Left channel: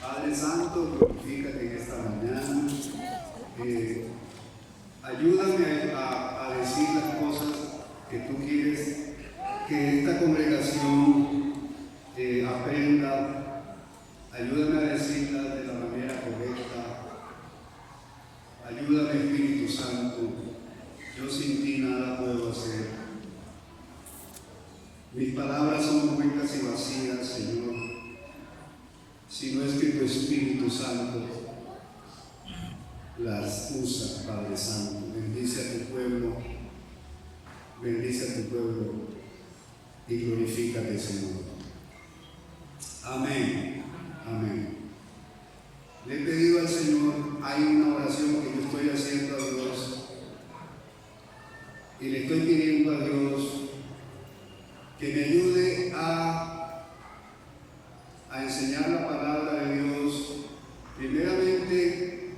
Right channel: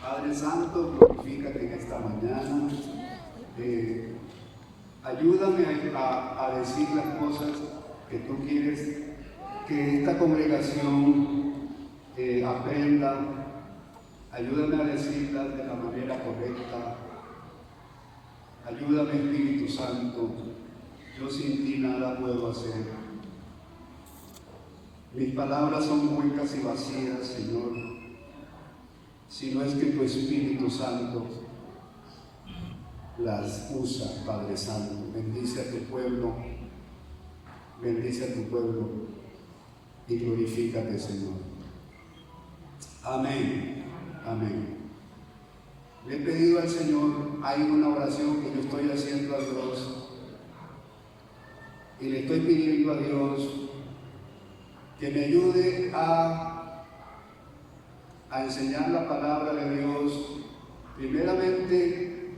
Padre Santo, glorifícate en esta mañana. Ayúdame a decir las cosas que tú quieres que esta congregación aprenda. Ayúdame a decirlas de la manera correcta. Ayúdame, Espíritu Santo. Yo sin ti nada puedo hacer. Mis palabras son huecas y vacías, Señor, si no es que tu Espíritu Santo las usa, Padre Santo. Bendice a tu pueblo y glorifícate, Señor. Amén, amén. Le he pedido al Señor, hay una oración que yo estoy haciendo a Dios y le estoy pidiendo a Dios que me ayude a enseñar la palabra de Dios, primeramente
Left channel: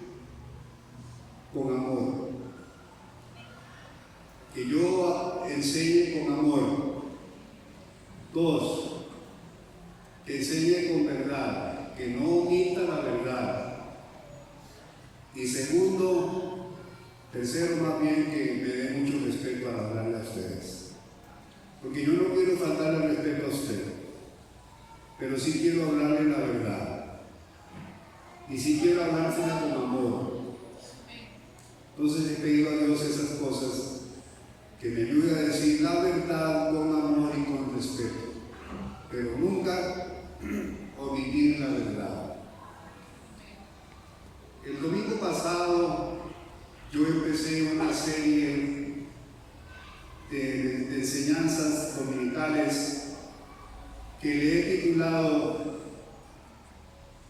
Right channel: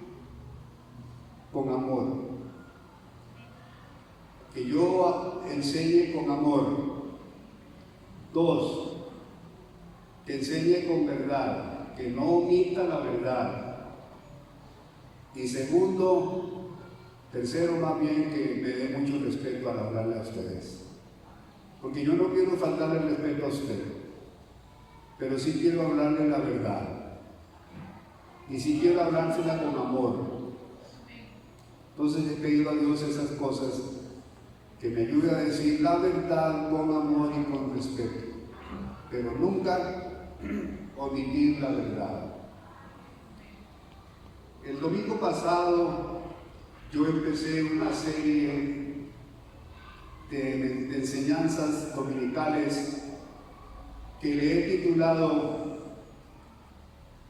con amor. Que yo enseñe con amor. 2, que enseñe con verdad, que no omita la verdad. Y tercero más bien, que me dé mucho respeto al hablarle a ustedes. Porque yo no quiero faltarle el respeto a usted, pero sí quiero hablarle la verdad. Y sí quiero hablársela con amor. Entonces he pedido a Dios esas cosas, que me ayude a decir la verdad con amor y con respeto, pero nunca omitir la verdad. El domingo pasado yo empecé una serie de enseñanzas dominicales que le he titulado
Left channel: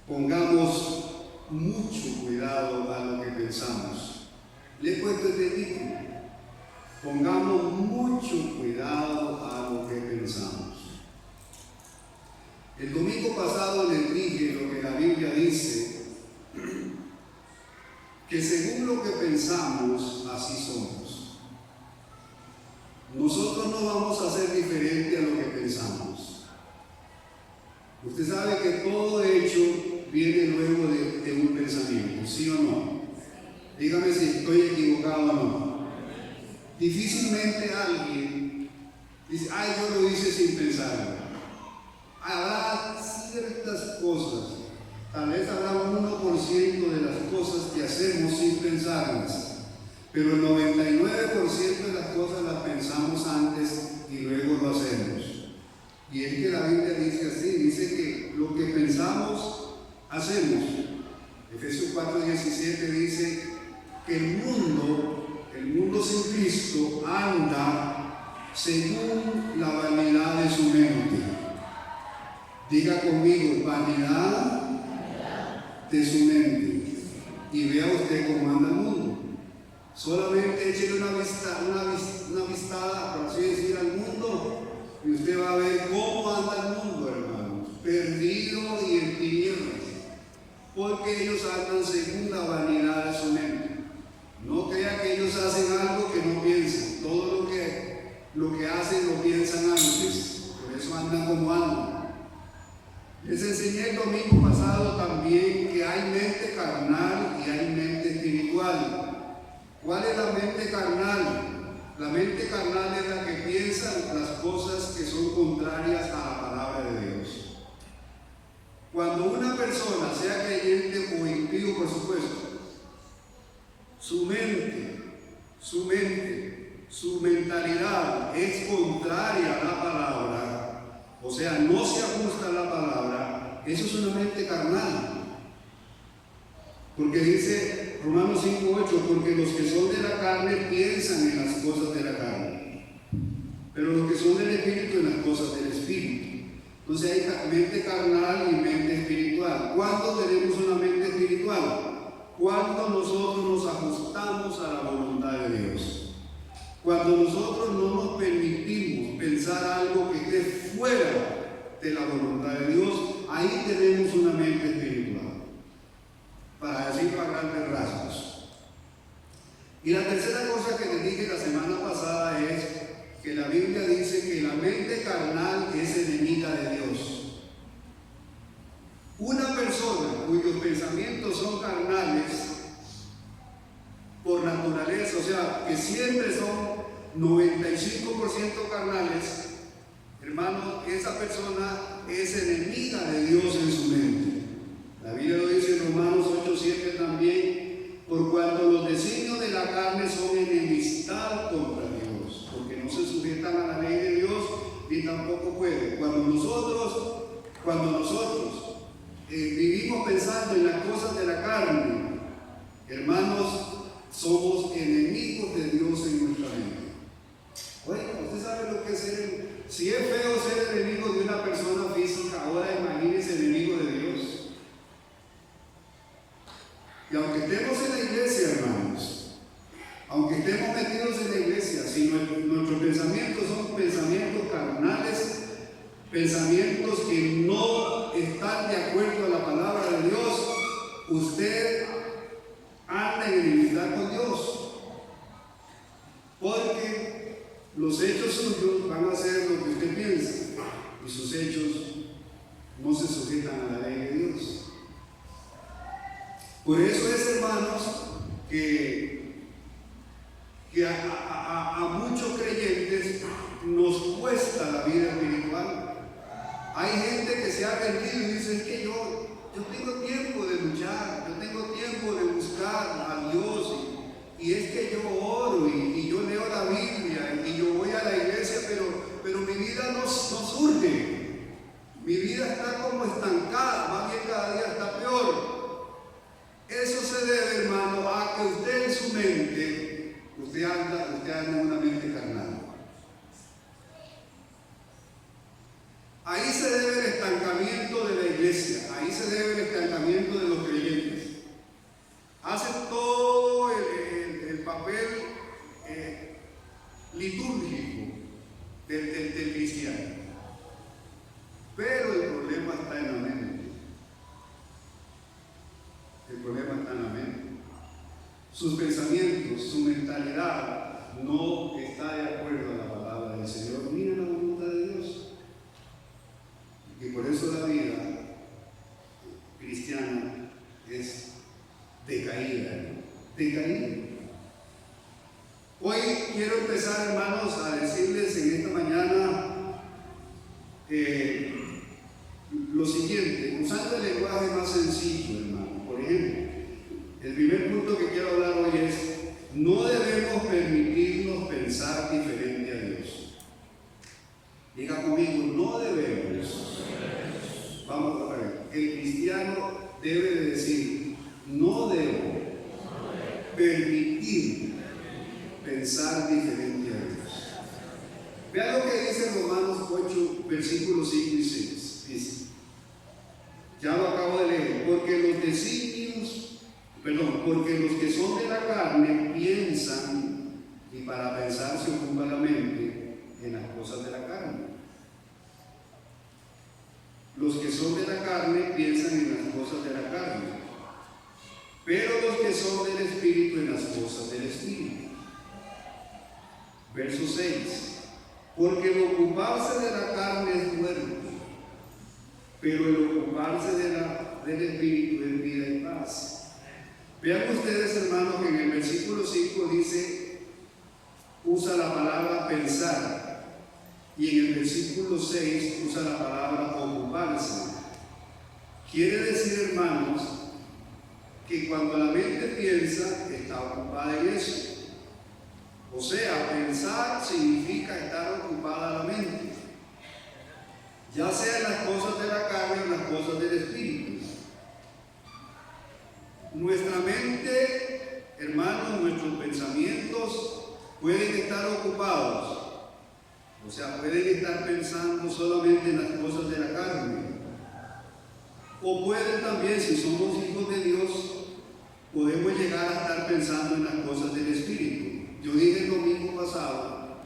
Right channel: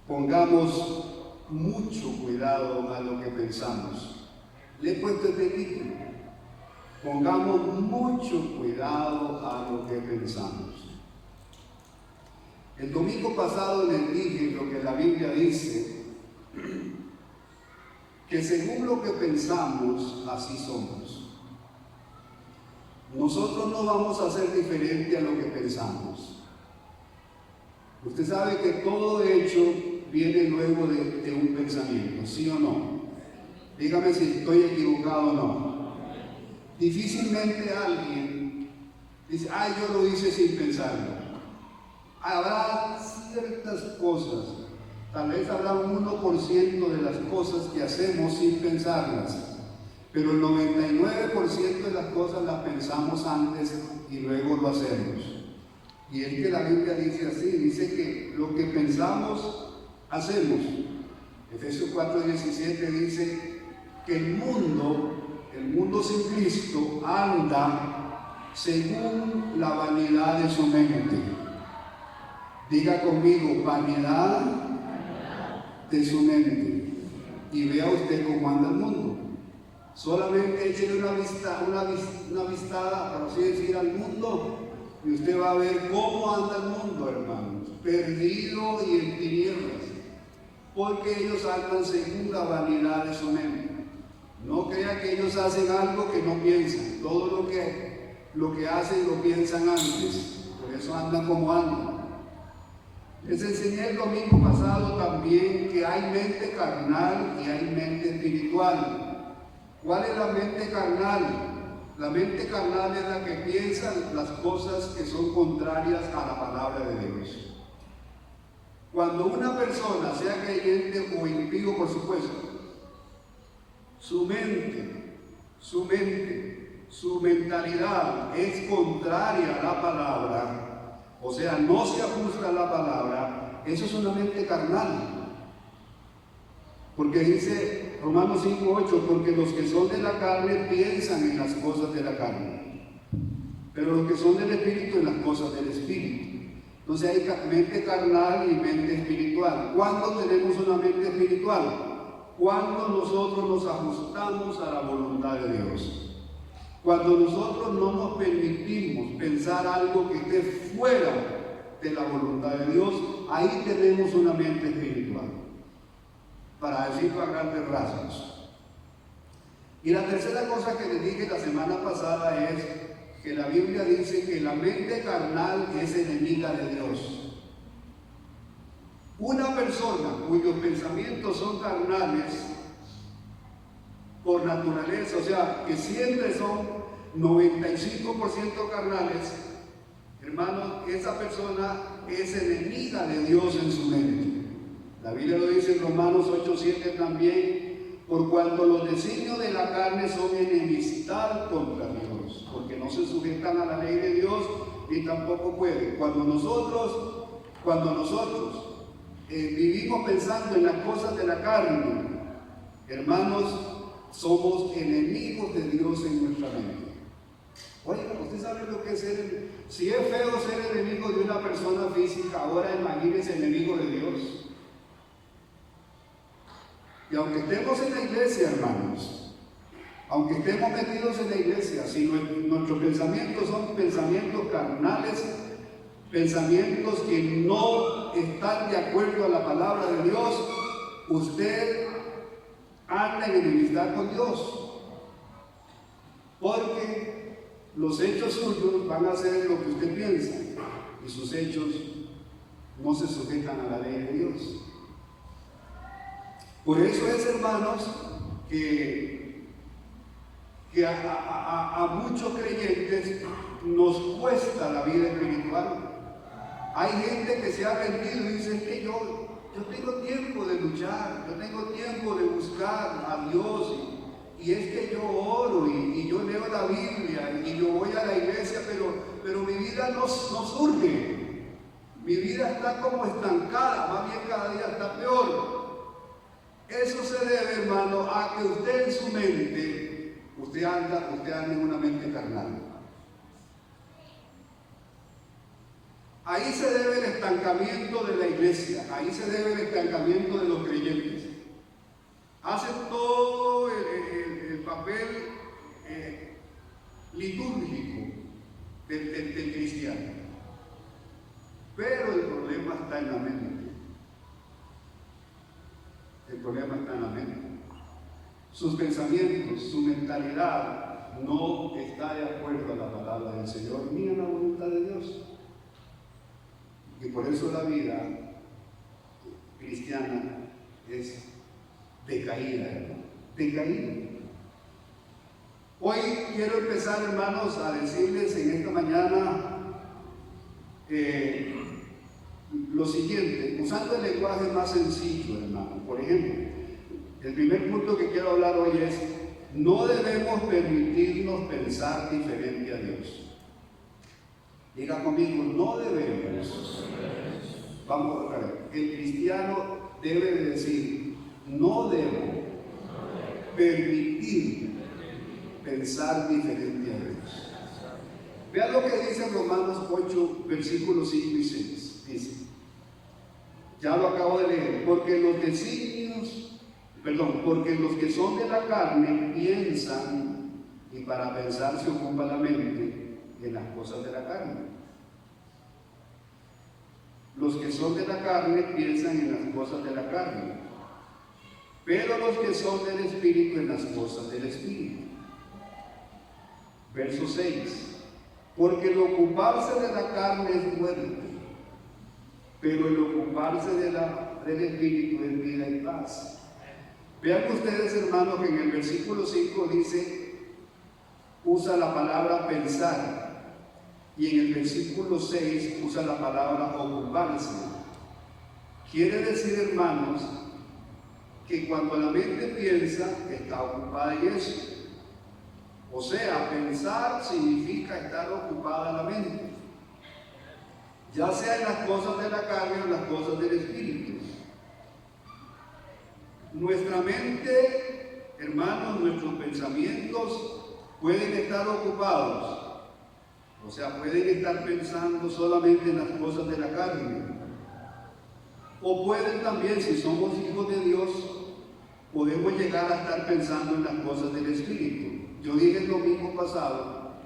Pongamos mucho cuidado a lo que pensamos. Le he puesto este título: Pongamos mucho cuidado a lo que pensamos. El domingo pasado les dije lo que la Biblia dice, que según lo que pensamos, así somos. Nosotros no vamos a ser diferente a lo que pensamos. Usted sabe que todo hecho viene luego de un pensamiento, ¿sí o no? Dígame si estoy equivocado o no. Difícilmente alguien dice, ay, yo lo hice sin pensarlo. Habrá ciertas cosas, tal vez habrá un 1% de las cosas que hacemos sin pensarlas, pero el 99% de las cosas las pensamos antes y luego lo hacemos. Y es que la Biblia dice así, dice que lo que pensamos, hacemos. Efesios 4:17 dice que el mundo sin Cristo anda según la vanidad de su mente. Diga conmigo, vanidad de su mente. Y vea usted cómo anda el mundo. Solamente échele una vistada, por así decir, al mundo, y usted va a ver cómo anda el mundo, hermanos, perdido y en tinieblas, porque ellos andan según la vanidad de su mente. No crea que ellos hacen algo que no piensan. Todo lo que hacen lo piensan antes, por eso andan como andan. Les enseñé el domingo pasado también que hay mente carnal y hay mente espiritual. ¿Cuál es la mente carnal? La mente carnal es la que piensa las cosas que son contrarias a la palabra de Dios. Cuando una persona, sea creyente o impío, por supuesto, su mentalidad es contraria a la palabra, o sea, no se ajusta a la palabra, eso es una mente carnal. Porque dice Romanos 5:8, porque los que son de la carne piensan en las cosas de la carne, pero los que son del Espíritu en las cosas del Espíritu. Entonces hay mente carnal y mente espiritual. ¿Cuándo tenemos una mente espiritual? Cuando nosotros nos ajustamos a la voluntad de Dios. Cuando nosotros no nos permitimos pensar algo que esté fuera de la voluntad de Dios, ahí tenemos una mente espiritual, para decirlo a grandes rasgos. Y la tercera cosa que les dije la semana pasada es que la la Biblia dice que la mente carnal es enemiga de Dios. Una persona cuyos pensamientos son carnales por naturaleza, o sea, que siempre son 95% carnales, hermanos, esa persona es enemiga de Dios en su mente. La Biblia lo dice en Romanos 8:7 también, por cuanto los designios de la carne son enemistad contra Dios, porque no se sujetan a la ley de Dios, ni tampoco pueden. Cuando nosotros vivimos pensando en las cosas de la carne, hermanos, somos enemigos de Dios en nuestra mente. Oiga, usted sabe lo que es si es feo ser enemigo de una persona física, ahora imagínese enemigo de Dios. Y aunque estemos en la iglesia, hermanos, aunque estemos metidos en la iglesia, si nuestros pensamientos son pensamientos carnales, pensamientos que no están de acuerdo a la palabra de Dios, usted anda en enemistad con Dios, porque los hechos suyos van a ser lo que usted piensa y sus hechos no se sujetan a la ley de Dios. Por eso es, hermanos, que a muchos creyentes nos cuesta la vida espiritual. Hay gente que se ha rendido y dice: es que yo tengo tiempo de luchar, yo tengo tiempo de buscar a Dios, y es que yo oro y yo leo la Biblia y yo voy a la iglesia, pero mi vida no surge, mi vida está como estancada, más bien cada día está peor. Eso se debe, hermano, a que usted en su mente, usted anda en una mente carnal. Ahí se debe el estancamiento de la iglesia, ahí se debe el estancamiento de los creyentes. Hacen todo el papel litúrgico del cristiano, pero el problema está en la mente. El problema está en la mente. Sus pensamientos, su mentalidad no está de acuerdo a la palabra del Señor ni a la voluntad de Dios. Y por eso la vida cristiana es decaída, hermano, decaída. Hoy quiero empezar, hermanos, a decirles en esta mañana lo siguiente, usando el lenguaje más sencillo, hermano. Por ejemplo, el primer punto que quiero hablar hoy es: no debemos permitirnos pensar diferente a Dios. Diga conmigo: no debemos. Vamos a ver, el cristiano debe de decir: no debo permitir pensar diferente a Dios. Vean lo que dice Romanos 8, versículos 5 y 6. Dice, ya lo acabo de leer: porque los que son de la carne piensan, y para pensar se ocupa la mente en las cosas de la carne. Los que son de la carne piensan en las cosas de la carne, pero los que son del Espíritu en las cosas del Espíritu. Verso 6: porque el ocuparse de la carne es muerte, pero el ocuparse del Espíritu es vida y paz. Vean ustedes, hermanos, que en el versículo 5 dice, usa la palabra pensar, y en el versículo 6 usa la palabra ocuparse. Quiere decir, hermanos, que cuando la mente piensa, está ocupada en eso. O sea, pensar significa estar ocupada la mente, ya sea en las cosas de la carne o en las cosas del Espíritu. Nuestra mente, hermanos, nuestros pensamientos pueden estar ocupados, o sea, pueden estar pensando solamente en las cosas de la carne, o pueden también, si somos hijos de Dios, podemos llegar a estar pensando en las cosas del Espíritu. Yo dije el domingo pasado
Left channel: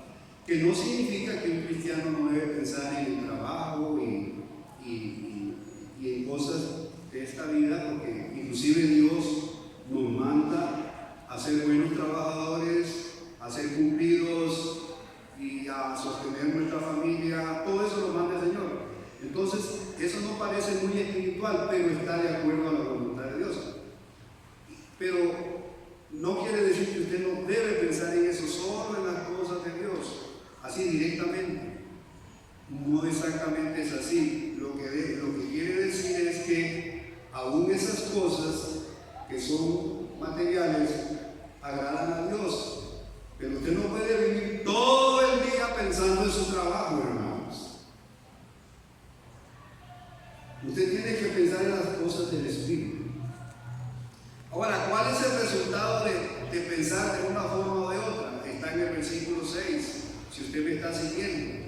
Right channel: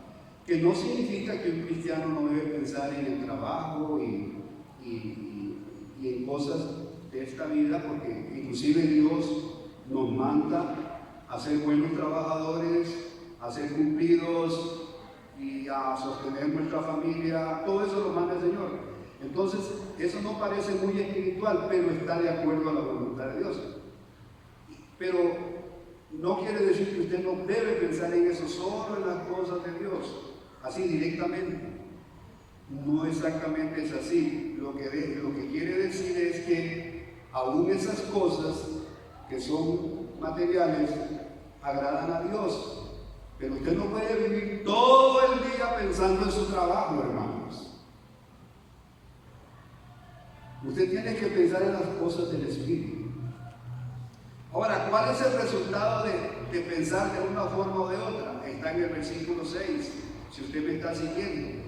que no significa que un cristiano no debe pensar en el trabajo y en cosas de esta vida, porque inclusive Dios nos manda a ser buenos trabajadores, a ser cumplidos y y a sostener nuestra familia, todo eso lo manda el Señor. Entonces, eso no parece muy espiritual, pero está de acuerdo a la voluntad de Dios. Pero no quiere decir que usted no debe pensar en eso, solo en las cosas de Dios, así directamente. No exactamente es así. Lo que quiere decir es que aún esas cosas que son materiales agradan a Dios. Pero usted no puede vivir todo el día pensando en su trabajo, hermanos. Usted tiene que pensar en las cosas del Espíritu. Ahora, ¿cuál es el resultado de pensar de una forma o de otra? Está en el versículo 6, si usted me está siguiendo.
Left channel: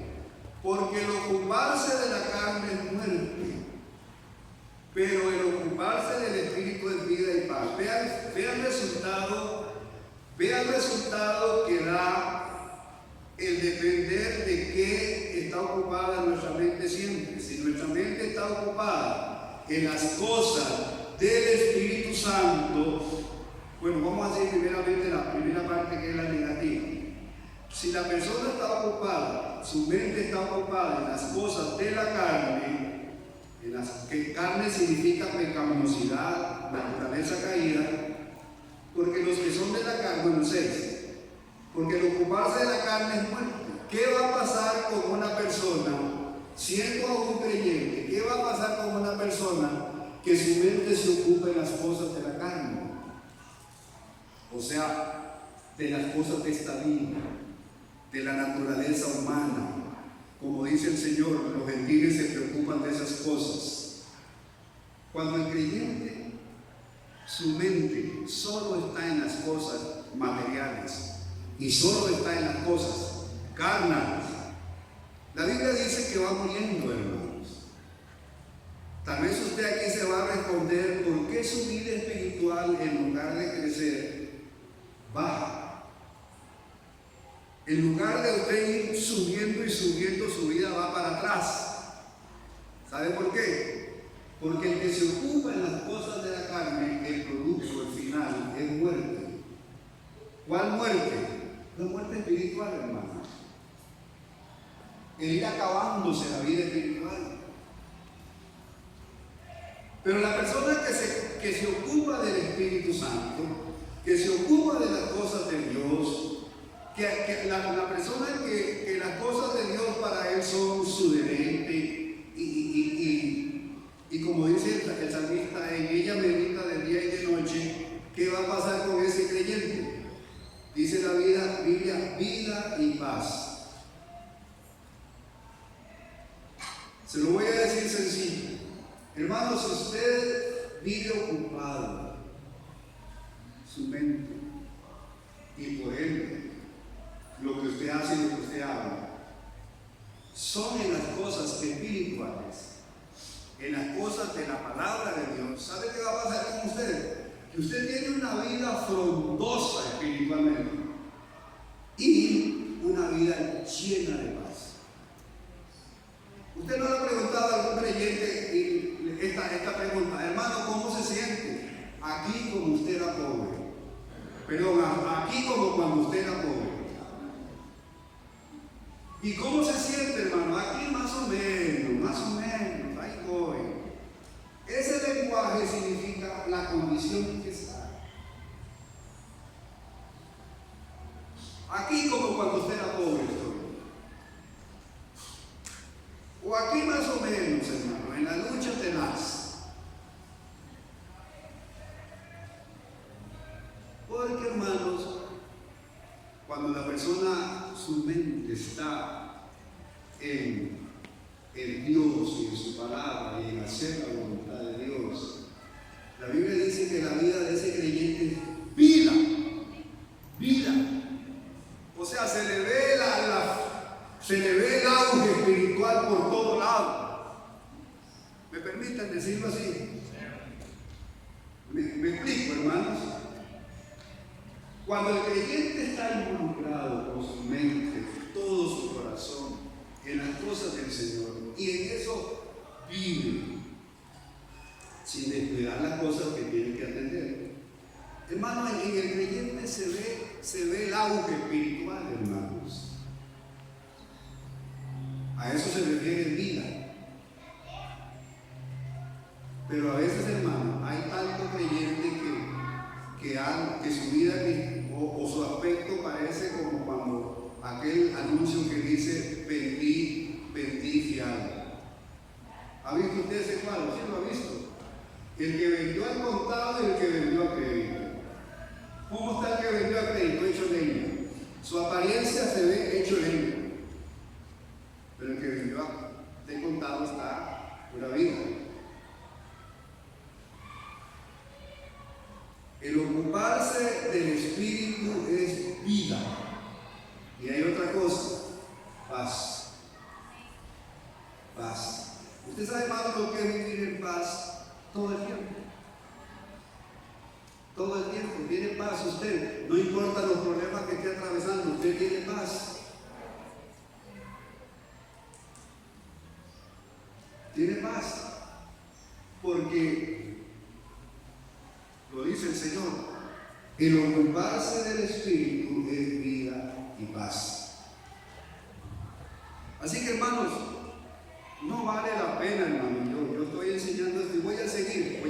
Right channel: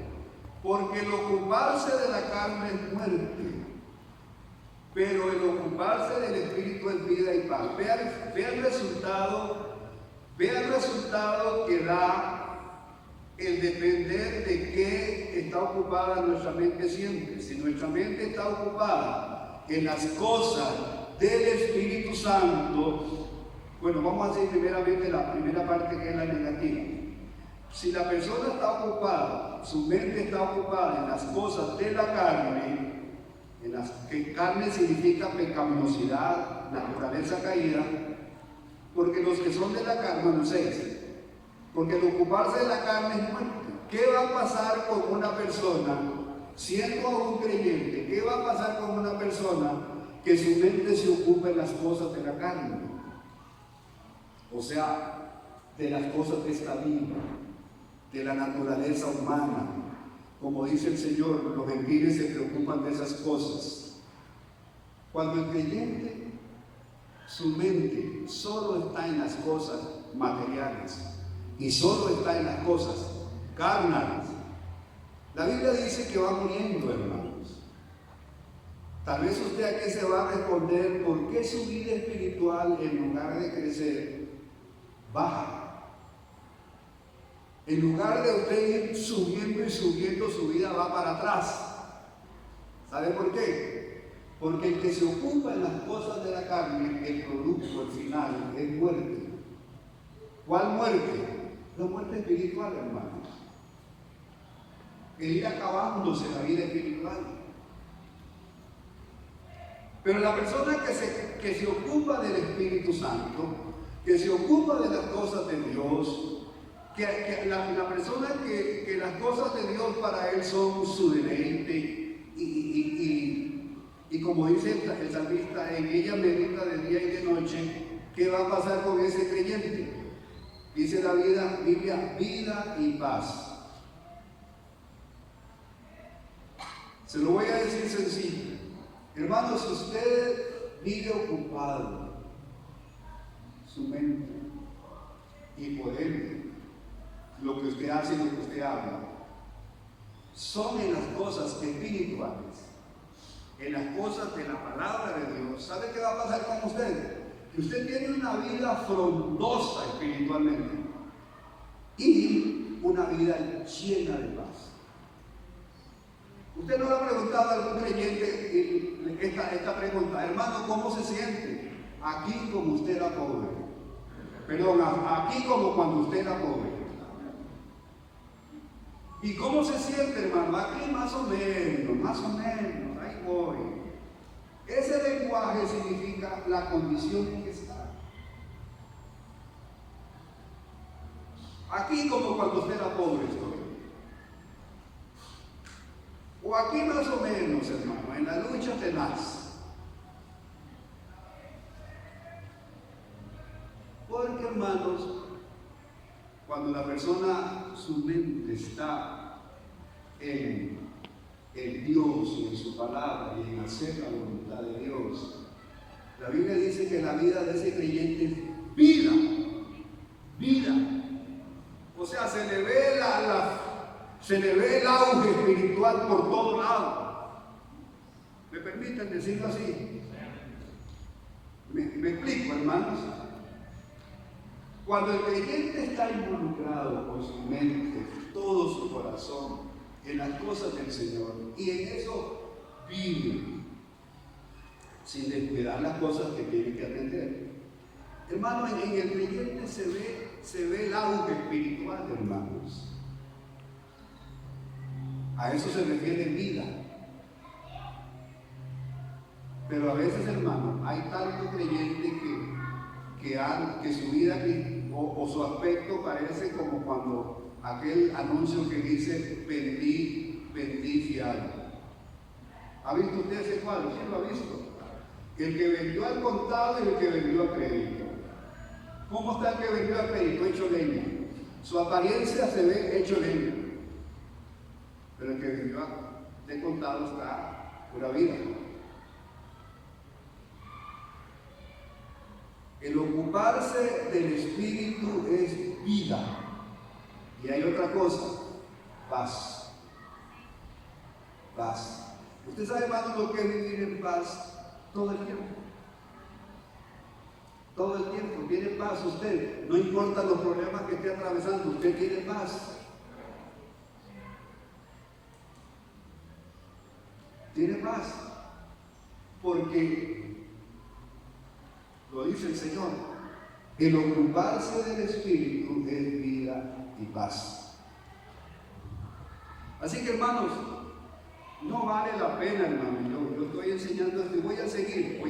Porque el ocuparse de la carne es muerte, pero el ocuparse del Espíritu es vida y paz. Vea el resultado que da el depender de qué está ocupada nuestra mente siempre. Si nuestra mente está ocupada en las cosas del Espíritu Santo, bueno, vamos a hacer primeramente la primera parte, que es la negativa. Si la persona está ocupada, su mente está ocupada en las cosas de la carne, que carne significa pecaminosidad, naturaleza caída, porque los que son de la carne, bueno, 6, porque el ocuparse de la carne es muerte. ¿Qué va a pasar con una persona, siendo aún creyente? ¿Qué va a pasar con una persona que su mente se ocupa en las cosas de la carne? O sea, de las cosas de esta vida, de la naturaleza humana. Como dice el Señor, los gentiles se preocupan de esas cosas. Cuando el creyente, su mente solo está en las cosas materiales y solo está en las cosas carnales, la Biblia dice que va muriendo, hermanos. Tal vez usted aquí se va a responder: ¿por qué su vida espiritual, en lugar de crecer, baja? En lugar de usted ir subiendo y subiendo, su vida va para atrás. ¿Sabe por qué? Porque el que se ocupa en las cosas de la carne, el producto, el final, es muerte. ¿Cuál muerte? La muerte espiritual, hermano. El ir acabándose la vida espiritual. Pero la persona que se ocupa del Espíritu Santo, que se ocupa de las cosas de Dios, la persona que las cosas de Dios para él son su deleite, y como dice el salmista, en ella medita de día y de noche. ¿Qué va a pasar con ese creyente? Dice la Biblia, vida y paz. Se lo voy a decir sencillo. Hermanos, si usted vive ocupado su mente, y por ende lo que usted hace y lo que usted habla son en las cosas espirituales, en las cosas de la palabra de Dios, ¿sabe qué va a pasar con usted? Que usted tiene una vida frondosa espiritualmente y una vida llena de paz. Usted no le ha preguntado a algún creyente esta pregunta: hermano, ¿cómo se siente aquí como usted era pobre? Perdón, aquí como cuando usted era pobre. ¿Y cómo se siente, hermano? Aquí más o menos, ahí voy. Ese lenguaje significa la condición en que está. Aquí como cuando usted era pobre estoy. O aquí más o menos, hermano, en la lucha tenaz. Porque, hermanos, cuando la persona, su mente está en Dios y en su palabra y en hacer la voluntad de Dios, la Biblia dice que la vida de ese creyente es vida. O sea, se le ve el auge espiritual por todo lado. ¿Me permiten decirlo así? ¿Me explico, hermanos? Cuando el creyente está involucrado con su mente, todo su corazón, en las cosas del Señor, y en eso vive, sin descuidar las cosas que tiene que atender. Hermano, en el creyente se ve el auge espiritual, hermanos. A eso se refiere vida. Pero a veces, hermano, hay tanto creyente que su vida o su aspecto parece como cuando aquel anuncio que dice vendí fiado. ¿Ha visto usted ese cuadro? ¿Sí lo ha visto? El que vendió al contado y el que vendió a crédito. ¿Cómo está el que vendió a crédito? Hecho leña. Su apariencia se ve hecho leña. Pero el que vendió de contado está pura vida. El ocuparse del Espíritu es vida. Y hay otra cosa, paz. Paz. ¿Usted sabe, hermano, lo que es vivir en paz todo el tiempo? Todo el tiempo tiene paz usted. No importa los problemas que esté atravesando, usted tiene paz. Tiene paz. Porque lo dice el Señor, el ocuparse del Espíritu es vida y paz. Así que, hermanos, no vale la pena, hermano. Yo estoy enseñando esto y voy a seguir.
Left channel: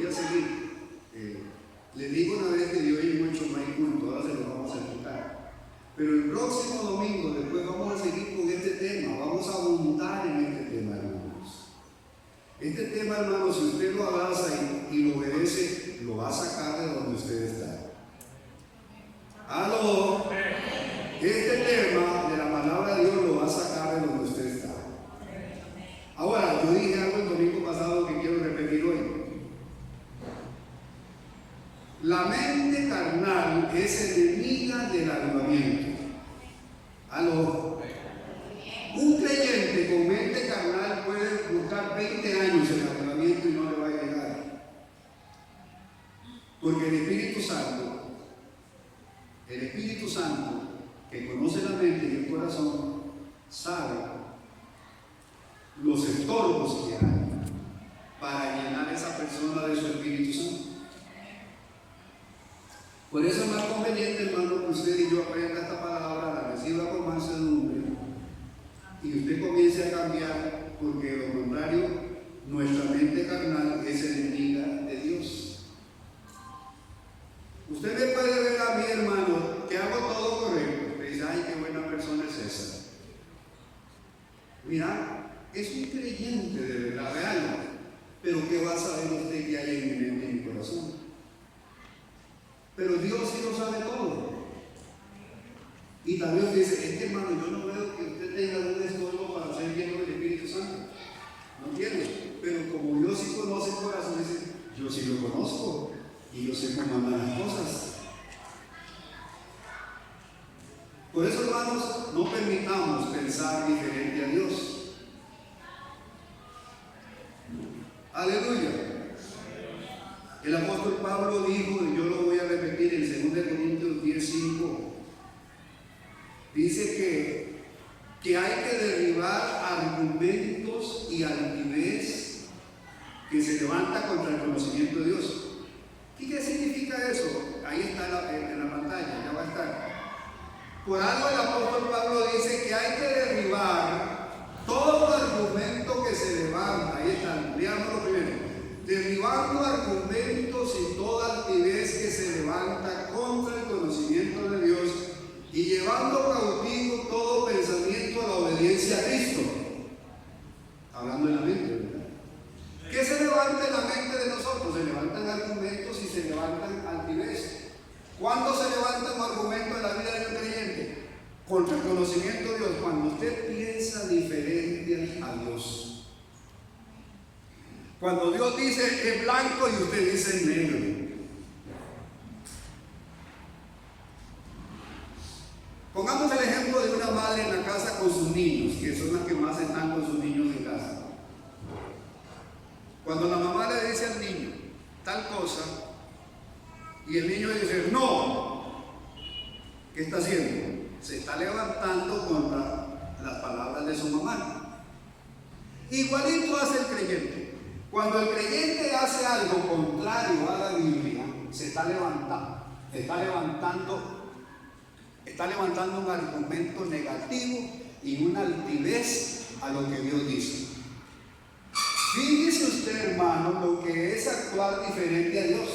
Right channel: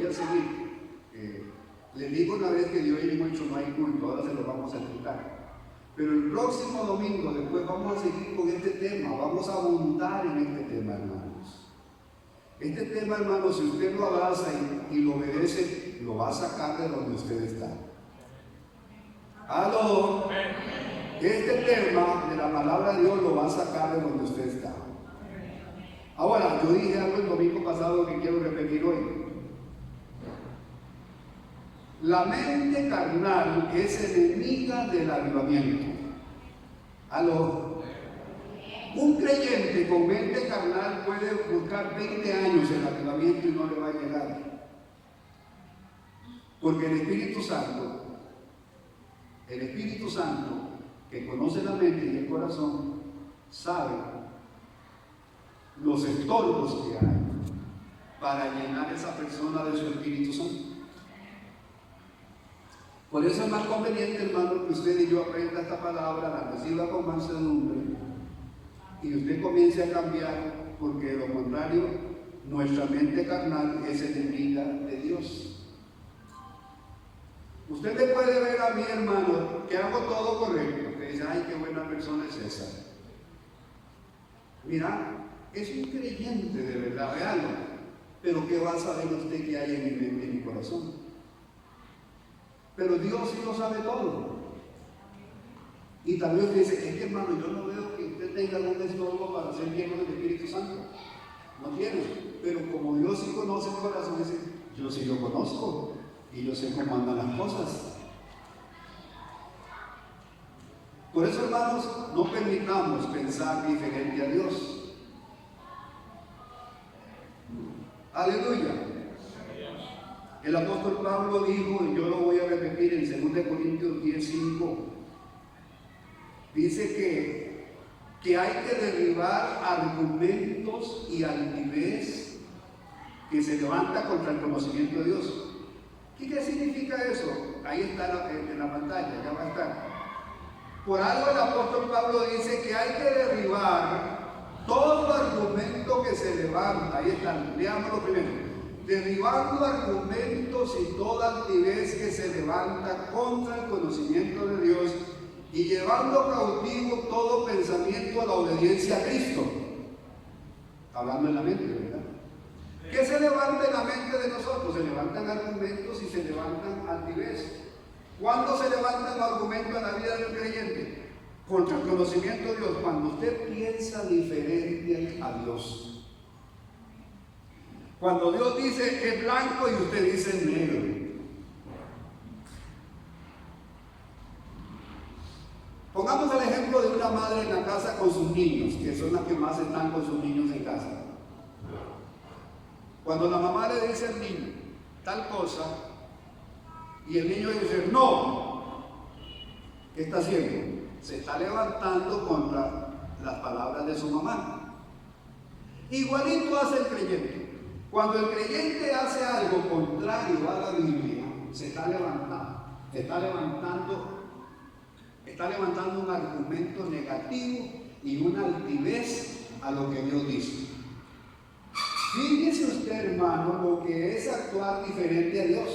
Les digo una vez que de hoy en 8 no hay culto, ahora se los vamos a explicar. Pero el próximo domingo después vamos a seguir con este tema, vamos a abundar en este tema, hermanos. Este tema, hermanos, si usted lo abraza y lo obedece, lo va a sacar de donde usted está. ¡Aló! Este tema de la palabra de Dios lo va a sacar de donde usted está. Ahora, yo dije algo el domingo pasado que quiero repetir hoy. La mente carnal es enemiga del avivamiento. ¿Aló? Un creyente con mente carnal puede buscar 20 años el avivamiento y no le va a llegar. Porque el Espíritu Santo, que conoce la mente y el corazón, sabe los estorbos que hay para llenar a esa persona de su Espíritu Santo. Por eso es más conveniente, hermano, que usted y yo aprenda esta palabra, la reciba con mansedumbre y usted comience a cambiar, porque de lo contrario, nuestra mente carnal es enemiga de Dios. Usted me puede ver a mí, hermano, que hago todo correcto. Usted dice, ay, qué buena persona es esa. Mira, es un creyente de verdad real, pero ¿qué va a saber usted que hay en mi mente y en mi corazón? Pero Dios sí lo sabe todo. Y también usted dice, es que, hermano, yo no veo que usted tenga algún estorbo para ser lleno del Espíritu Santo. No tiene. Pero como Dios sí conoce el corazón, dice, yo sí lo conozco y yo sé cómo andan las cosas. Por eso, hermanos, no permitamos pensar diferente a Dios. Aleluya. El apóstol Pablo dijo, y yo lo voy a repetir en 2 Corintios 10:5, dice que hay que derribar argumentos y altivez que se levanta contra el conocimiento de Dios. ¿Qué significa eso? Ahí está en la pantalla, ya va a estar. Por algo el apóstol Pablo dice que hay que derribar todo argumento que se levanta. Ahí está, leámoslo primero. Derribando argumentos y toda altivez que se levanta contra el conocimiento de Dios y llevando cautivo todo pensamiento a la obediencia a Cristo. Hablando en la mente, ¿verdad? ¿Qué se levanta en la mente de nosotros? Se levantan argumentos y se levantan altivez. ¿Cuándo se levanta un argumento en la vida de un creyente? Contra el conocimiento de Dios. Cuando usted piensa diferente a Dios. Cuando Dios dice es blanco y usted dice es negro. Pongamos el ejemplo de una madre en la casa con sus niños, que son las que más están con sus niños en casa. Cuando la mamá le dice al niño tal cosa y el niño dice no, ¿qué está haciendo? Se está levantando contra las palabras de su mamá. Igualito hace el creyente. Cuando el creyente hace algo contrario a la Biblia, se está levantando. Está levantando un argumento negativo y una altivez a lo que Dios dice. Fíjese usted, hermano, lo que es actuar diferente a Dios.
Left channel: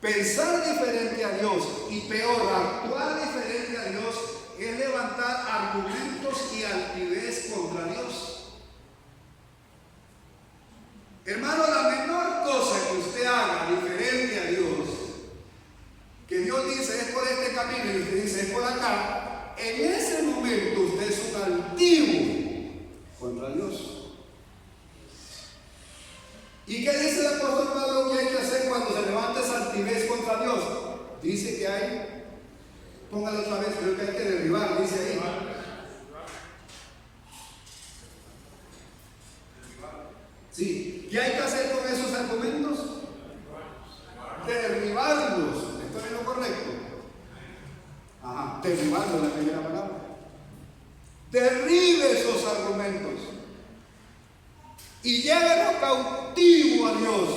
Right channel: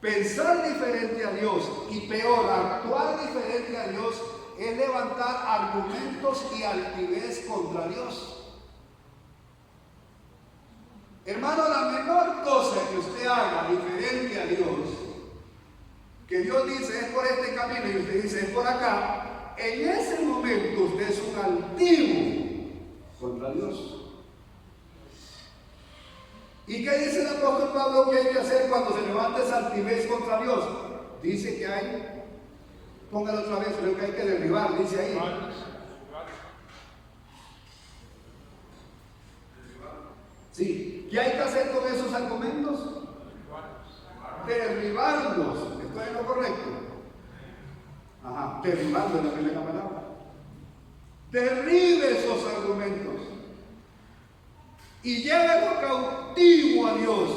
Pensar diferente a Dios y peor, actuar diferente a Dios es levantar argumentos y altivez contra Dios. Hermano, la menor cosa que usted haga diferente a Dios, que Dios dice es por este camino y usted dice es por acá, en ese momento usted es un altivo contra Dios. ¿Y qué dice el apóstol Pablo que hay que hacer cuando se levanta esa altivez contra Dios? Dice que hay, póngalo otra vez, creo que hay que derribar, dice ahí. Sí, ¿qué hay que hacer con esos argumentos? Derribarlos. ¿Estoy en lo correcto? Ajá, derribarlos es la primera palabra. Derribe esos argumentos y llévalo cautivo a Dios.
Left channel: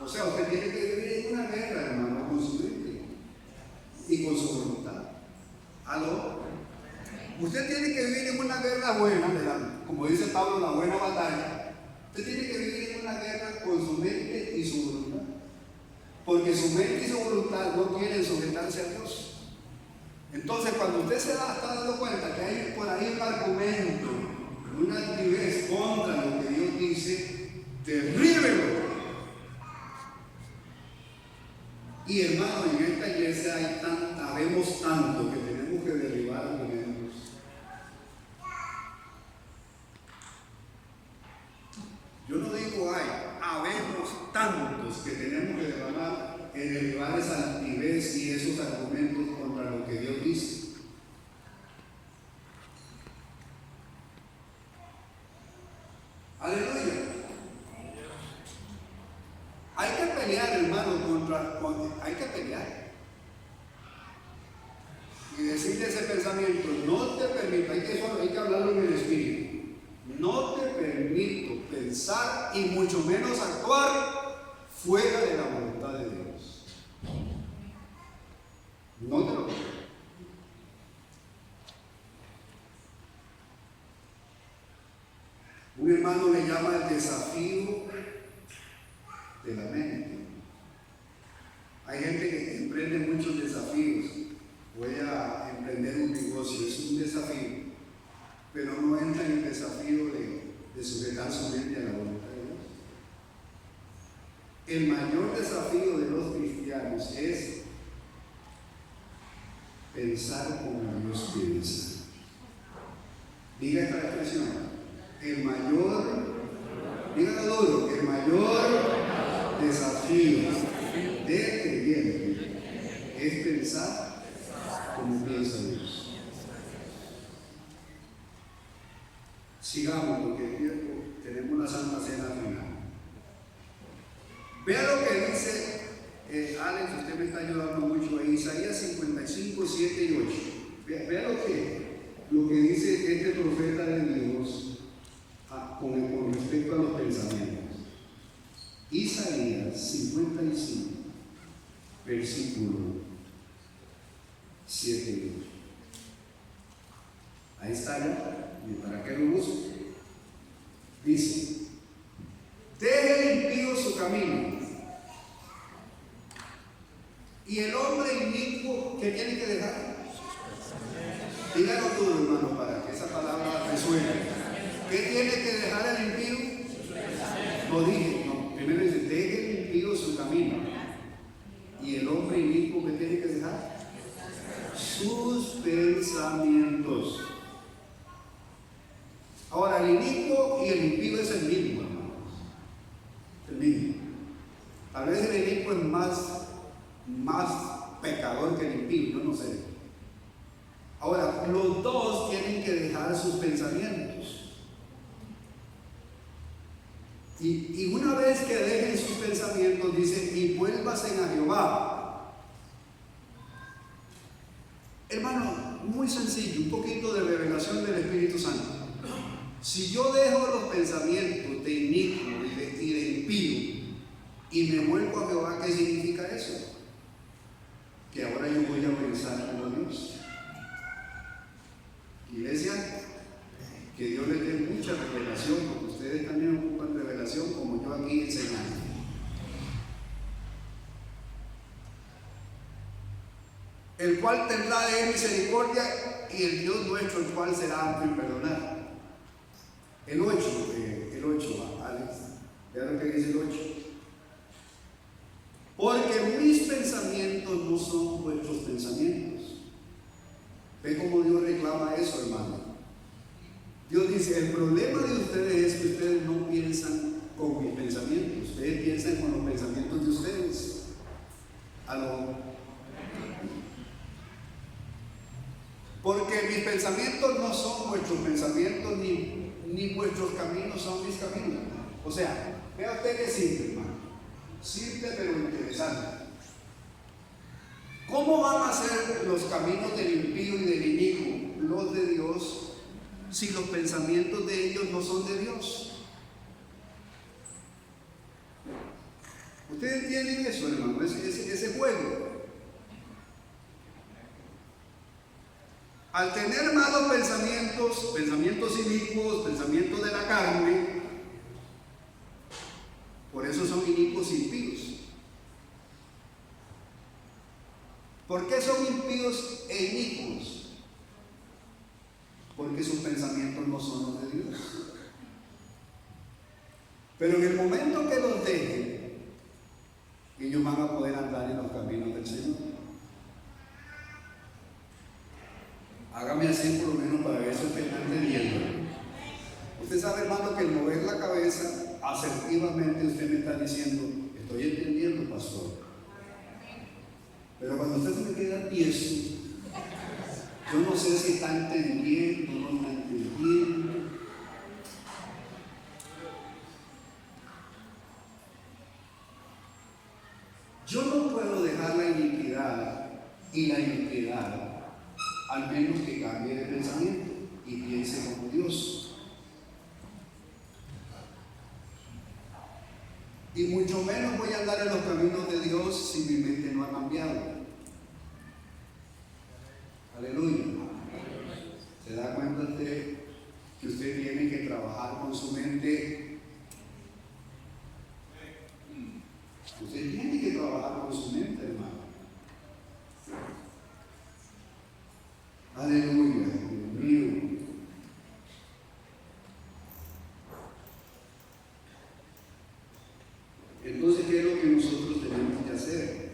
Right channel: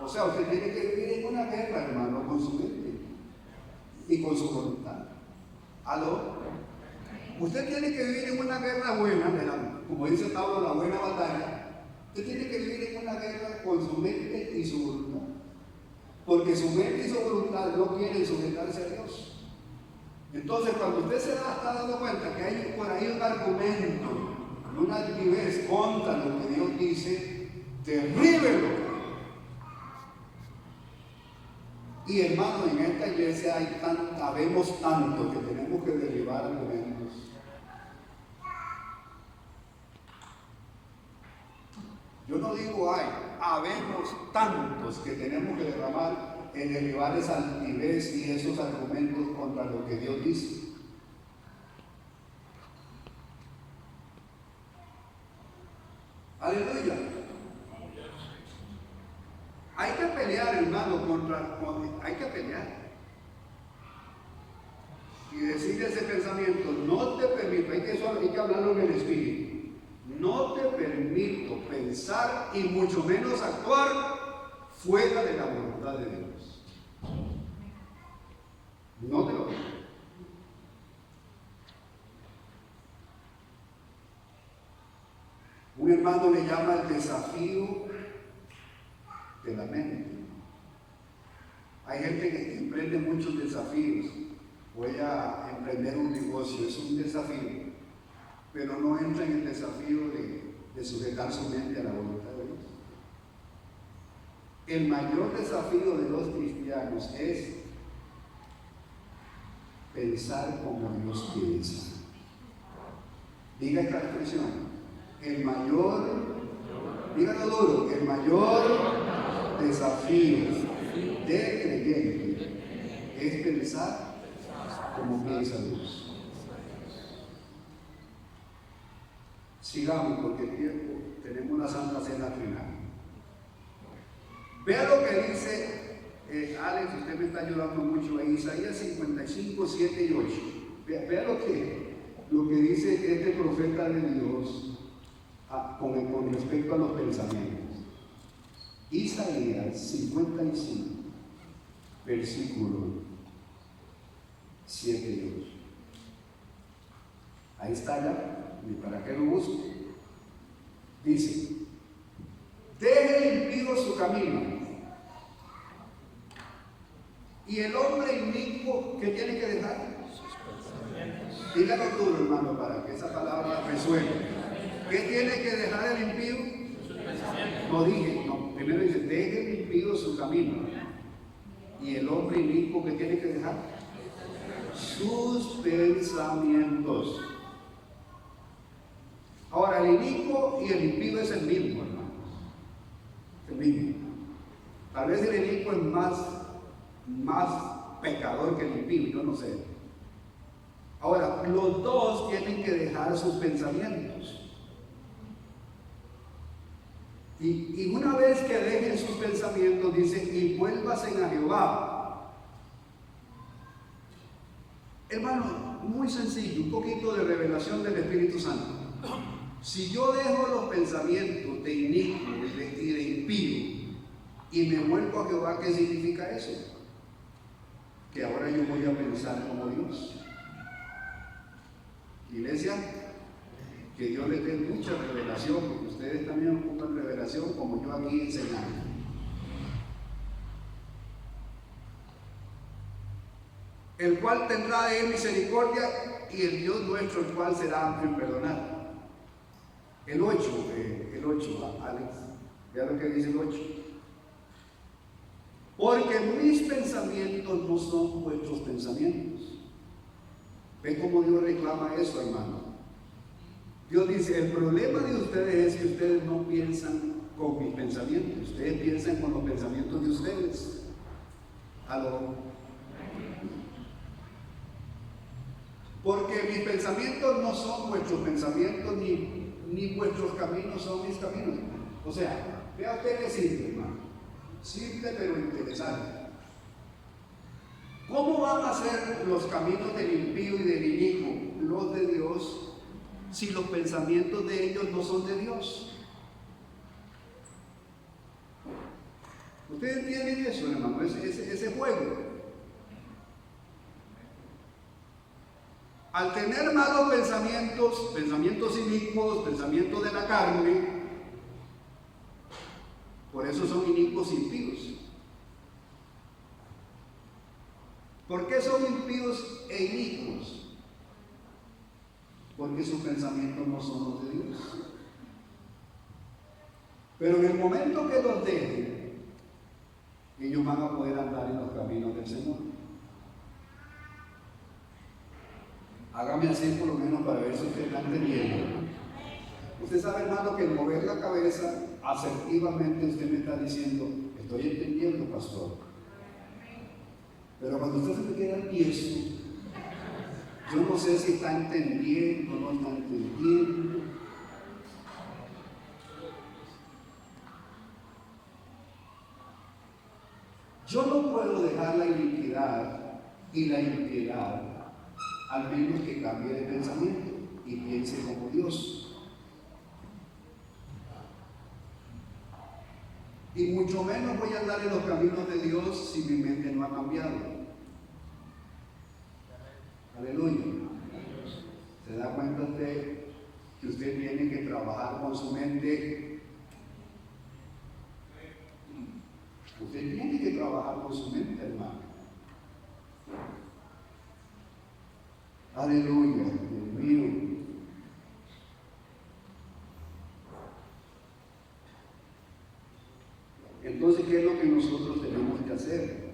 O sea, usted tiene que vivir en una guerra, hermano, con su mente y con su voluntad. ¿Aló? Usted tiene que vivir en una guerra buena, como dice Pablo, la buena batalla. Usted tiene que vivir en una guerra con su mente y su voluntad. Porque su mente y su voluntad no quieren sujetarse a Dios. Entonces, cuando usted se está dando cuenta que hay por ahí un argumento, una altivez contra lo que Dios dice, derríbelo. Y hermano, en esta iglesia habemos tanto que tenemos que derribar argumentos. Yo no digo habemos tantos que tenemos que derribar esa altivez y esos argumentos contra lo que Dios dice. Aleluya. Hay que pelear, hermano, hay que pelear. Y decirle ese pensamiento, no te permito, hay que hablarlo en el espíritu. No te permito pensar y mucho menos actuar fuera de la voluntad de Dios. No te lo permito. Un hermano le llama el desafío de la mente. Hay gente que emprende muchos desafíos. Voy a emprender un negocio, es un desafío, pero no entra en el desafío de sujetar su mente a la voluntad de Dios. El mayor desafío de los cristianos es pensar como Dios piensa. Diga esta expresión. El mayor, dígalo duro, el mayor desafío del creyente es pensar como piensa Dios. Sigamos, porque el tiempo, tenemos una santa cena al final. Vea lo que dice Alex, usted me está ayudando mucho ahí, Isaías 55, 7 y 8. Vea lo que dice este profeta de Dios con respecto a los pensamientos. Isaías 55, versículo 7 y 8. Ahí está ya. ¿Y para qué lo busco? Dice: deje el impío su camino, y el hombre inicuo, ¿qué tiene que dejar? Dígalo duro, hermano, para que esa palabra resuene. ¿Qué tiene que dejar el impío? No, primero dice: deje el impío su camino, y el hombre inicuo, ¿qué tiene que dejar? Sus pensamientos. Ahora, el inicuo y el impío es el mismo, hermanos. El mismo. Tal vez el inicuo es más pecador que el impío, yo no sé. Ahora, los dos tienen que dejar sus pensamientos. Y una vez que dejen sus pensamientos, dice: y vuélvasen a Jehová. Hermano, muy sencillo, un poquito de revelación del Espíritu Santo. Si yo dejo los pensamientos de inicuo y de impío y me vuelvo a Jehová, ¿qué significa eso? Que ahora yo voy a pensar como Dios. Iglesia, Que Dios les dé mucha revelación, porque ustedes también ocupan revelación como yo aquí enseñando. El cual tendrá de él misericordia y el Dios nuestro, el cual será amplio en perdonar. El 8, Alex, vea lo que dice el 8. Porque mis pensamientos no son vuestros pensamientos. ¿Ve cómo Dios reclama eso, hermano? Dios dice, el problema de ustedes es que ustedes no piensan con mis pensamientos, ustedes piensan con los pensamientos de ustedes. Porque mis pensamientos no son vuestros pensamientos, ni vuestros caminos son mis caminos. O sea, vea usted que simple, hermano. Simple pero interesante. ¿Cómo van a ser los caminos del impío y del inicuo los de Dios si los pensamientos de ellos no son de Dios? ¿Ustedes entienden eso, hermano? Ese juego. Al tener malos pensamientos inicuos, pensamientos de la carne, por eso son inicuos e impíos. ¿Por qué son impíos e inicuos? Porque sus pensamientos no son los de Dios. Pero en el momento que los dejen, ellos van a poder andar en los caminos del Señor. Hágame así por lo menos para ver si usted está entendiendo. Usted sabe, hermano, que el mover la cabeza asertivamente usted me está diciendo, estoy entendiendo, pastor. Pero cuando usted se me queda tieso, yo no sé si está entendiendo o no está entendiendo. Yo no puedo dejar la iniquidad y la impiedad, al menos que cambie de pensamiento y piense como Dios. Y mucho menos voy a andar en los caminos de Dios si mi mente no ha cambiado. Aleluya. ¿Se da cuenta usted que usted tiene que trabajar con su mente? Usted tiene que trabajar con su mente, hermano. Aleluya, Dios mío. Entonces, ¿qué es lo que nosotros tenemos que hacer?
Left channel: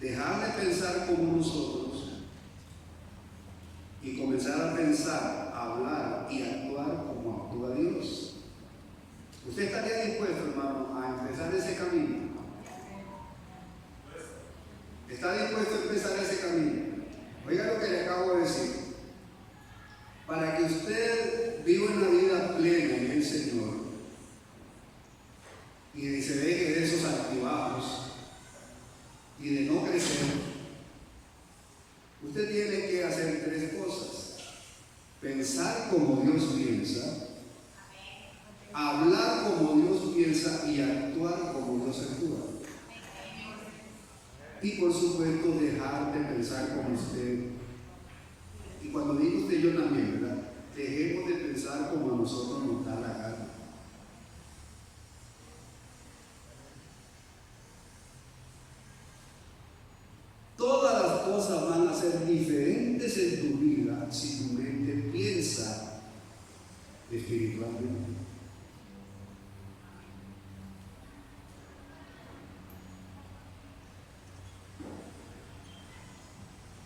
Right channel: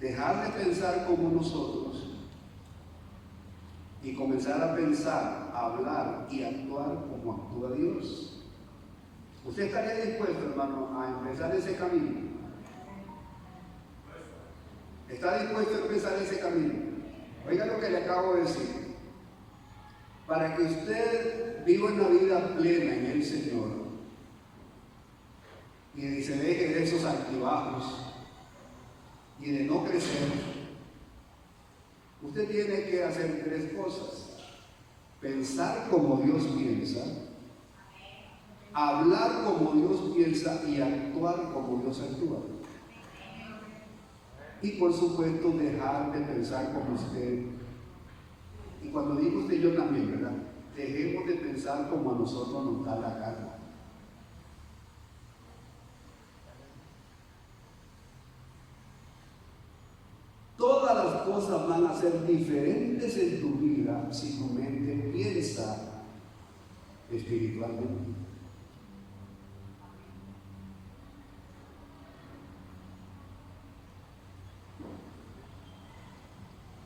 Dejar de pensar como nosotros y comenzar a pensar, a hablar y actuar como actúa Dios. ¿Usted estaría dispuesto, hermano, a empezar ese camino? ¿Está dispuesto a empezar ese camino? Oiga lo que le acabo de decir. Para que usted viva una vida plena en el Señor y se deje de esos altibajos y de no crecer, usted tiene que hacer 3 cosas: pensar como Dios piensa, hablar como Dios piensa y actuar como Dios actúa. Y por supuesto dejar de pensar como usted. Y cuando digo usted, yo también, ¿verdad? Dejemos de pensar como a nosotros nos da la gana. Todas las cosas van a ser diferentes en tu vida si tu mente piensa espiritualmente.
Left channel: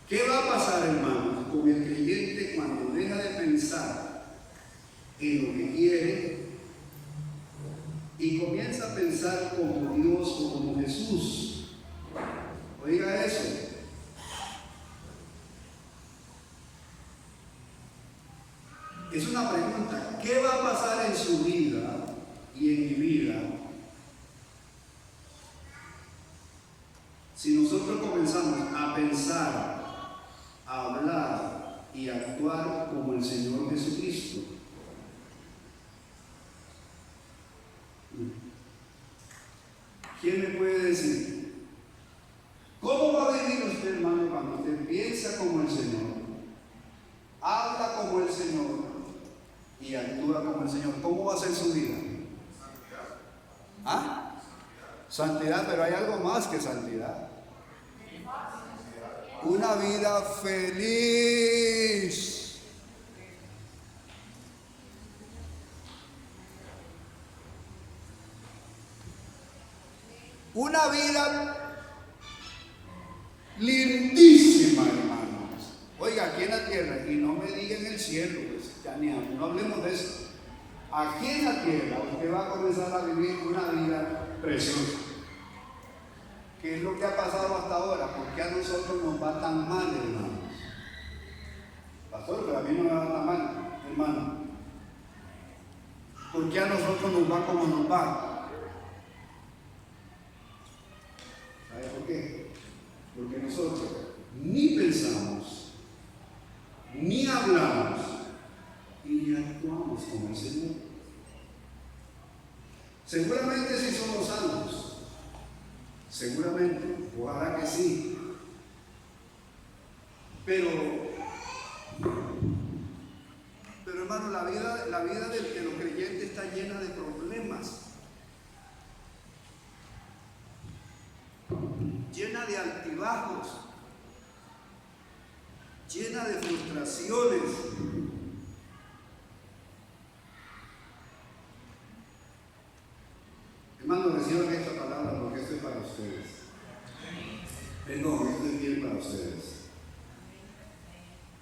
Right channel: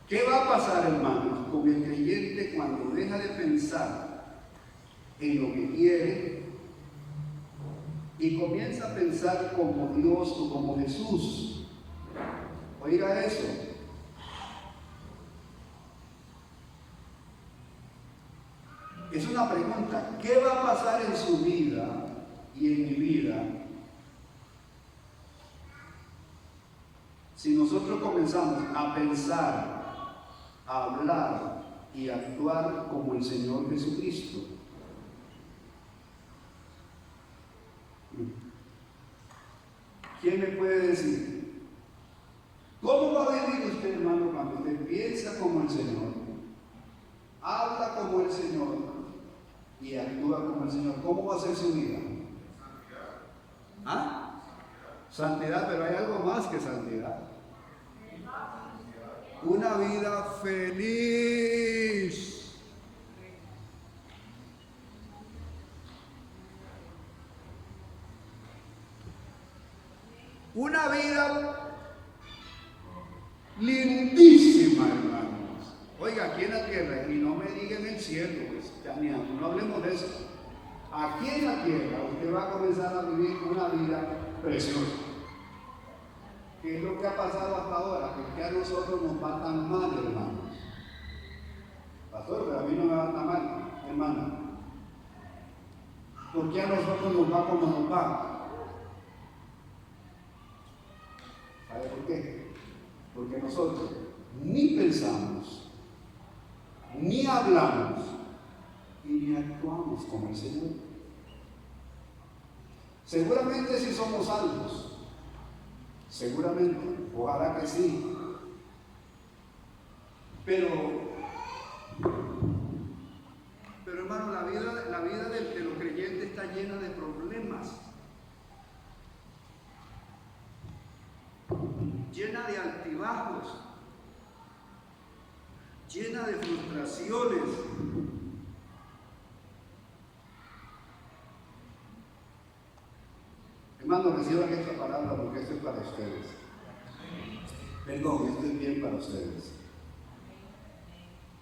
¿Qué va a pasar, hermanos, con el creyente cuando deja de pensar en lo que quiere y comienza a pensar como Dios o como Jesús? Oiga eso. Es una pregunta. ¿Qué va a pasar en su vida y en mi vida si nosotros comenzamos a pensar, a hablar y a actuar como el Señor Jesucristo? ¿Quién me puede decir? ¿Cómo va a vivir usted, hermano, cuando usted piensa como el Señor, habla como el Señor y actúa como el Señor, ¿cómo va a ser su vida? ¿Ah? Santidad, pero hay algo más que santidad. Una vida feliz. Una vida lindísima, hermanos. Oiga, aquí en la tierra, y no me digan el cielo, pues, no hablemos de eso. Aquí en la tierra usted va a comenzar a vivir una vida preciosa. ¿Qué es lo que ha pasado hasta ahora? ¿Por qué a nosotros nos va tan mal, hermanos? Pastor, pero a mí no me va tan mal, hermano. ¿Por qué a nosotros nos va como nos va? ¿Sabe por qué? Porque nosotros ni pensamos, ni hablamos, y ni actuamos como el Señor. Seguramente sí somos salvos, seguramente, ojalá que sí, pero hermano, la vida de los creyentes está llena de problemas, llena de altibajos, llena de frustraciones. Hermano, reciban esta palabra porque esto es para ustedes. Perdón, esto es bien para ustedes.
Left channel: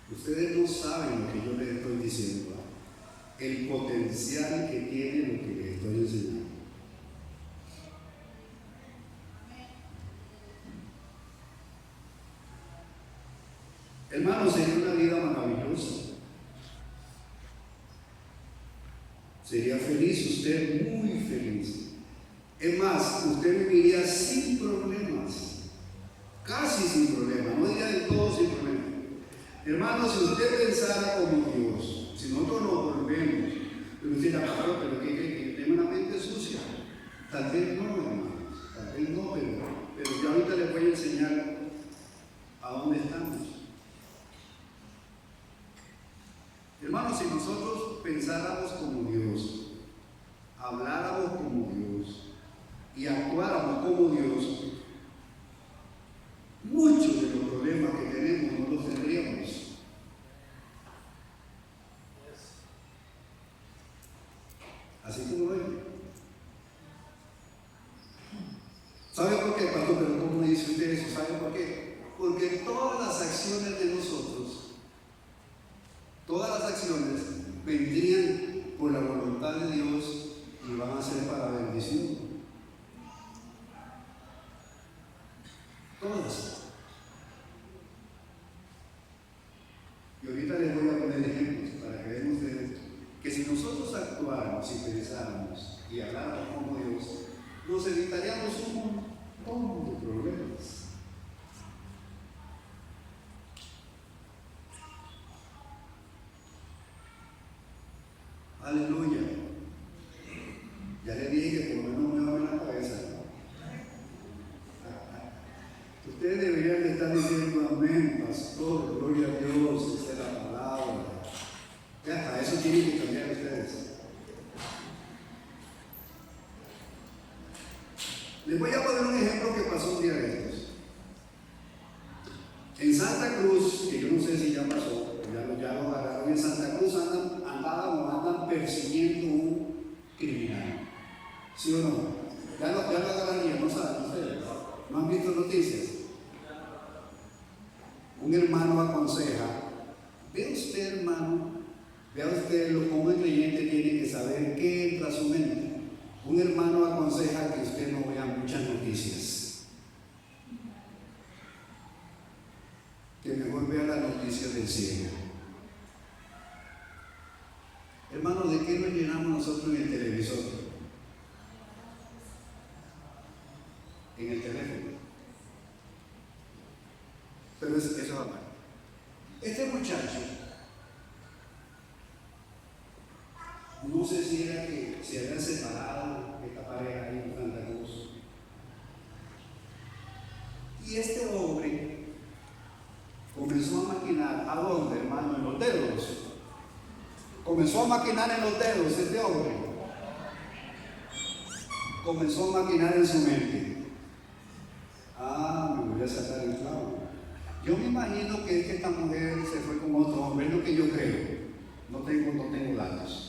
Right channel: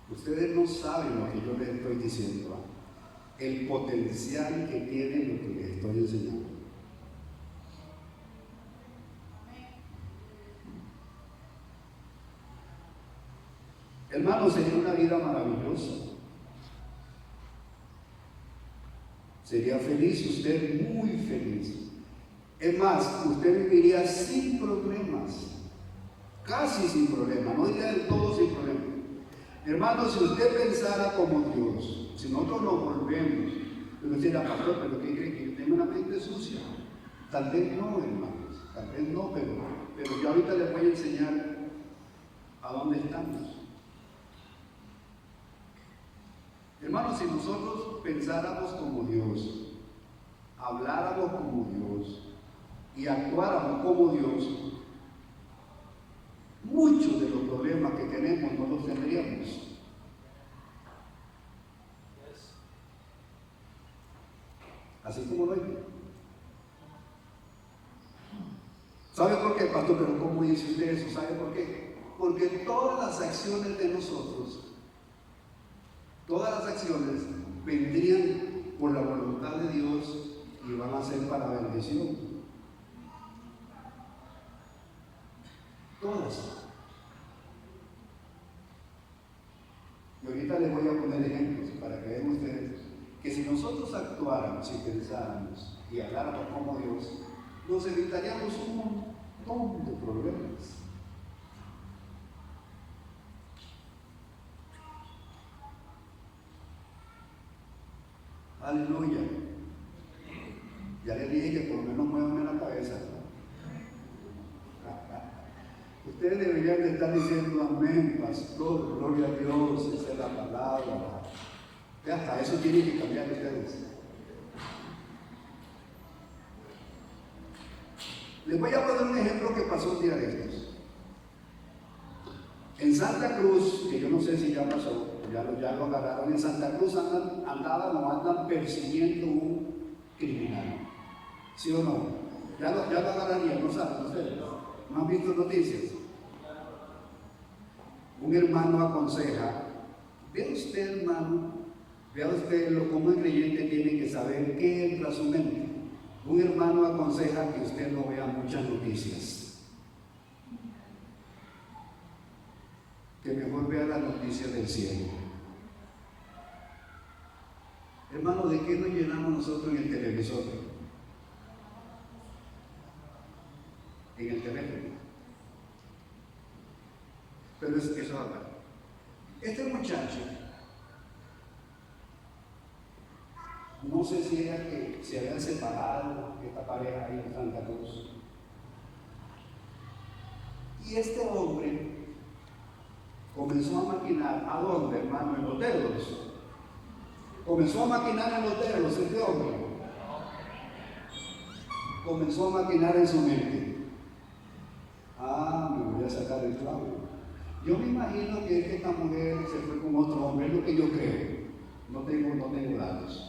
Ustedes no saben lo que yo les estoy diciendo, el potencial que tiene lo que les estoy enseñando. Hermano, sería una vida maravillosa. Sería feliz, usted muy feliz. Es más, usted viviría sin problemas, casi sin problemas, no diría del todo sin problemas. Hermano, si usted pensara como Dios, si nosotros nos volvemos, pero usted dirá, pastor, pero ¿qué cree? Que tengo una mente sucia. Tal vez no, hermanos, tal vez no, pero yo ahorita les voy a enseñar a dónde estamos. Hermanos, si nosotros pensáramos como Dios, habláramos como Dios y actuáramos como Dios, muchos de los problemas que tenemos no los tendríamos. Así como lo oye. ¿Sabe por qué, pastor? Pero ¿cómo dice usted eso? ¿Sabe por qué? Porque todas las acciones de nosotros, todas las acciones vendrían por la voluntad de Dios y van a ser para bendición. Todas. Y ahorita les voy a poner ejemplos para que vean ustedes que si nosotros actuáramos y pensáramos y habláramos como Dios, nos evitaríamos un montón de problemas. Aleluya. Ya le dije que por lo menos muevan la cabeza. Ustedes deberían de estar diciendo amén, pastor, gloria a Dios, esa es la palabra. Y hasta eso tienen que cambiar ustedes. Les voy a poner un ejemplo que pasó un día de estos. En Santa Cruz, que yo no sé si ya pasó, ya lo agarraron, en Santa Cruz andan persiguiendo un criminal. ¿Sí o no? Ya lo agarraron, no saben ustedes. ¿No han visto noticias? Un hermano aconseja, vea usted, hermano, vea usted cómo el creyente tiene que saber qué entra a su mente. Un hermano aconseja que usted no vea muchas noticias, que mejor vea las noticias del cielo. Hermano, ¿de qué nos llenamos nosotros en el televisor? En el teléfono. Pero eso va mal. Este muchacho, no sé si era que se habían separado, esta pareja ahí en Santa Cruz. Y este hombre comenzó a maquinar. ¿A dónde, hermano? En los dedos. Comenzó a maquinar en los dedos este hombre. Comenzó a maquinar en su mente. Me voy a sacar el clavo. Yo me imagino que es que esta mujer se fue con otro hombre, es lo que yo creo. No tengo datos.